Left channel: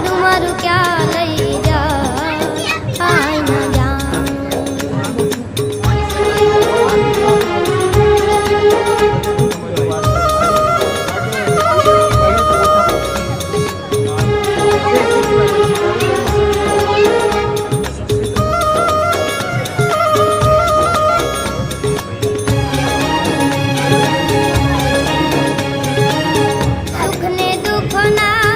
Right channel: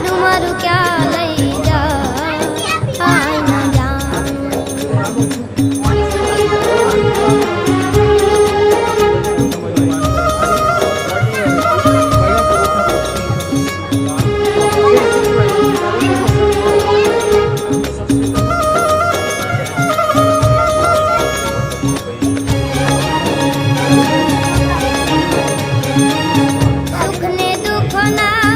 લાડુ મારું ક્યાં લઈ જા આઈ ના જાણું સુખ ને દુઃખ ના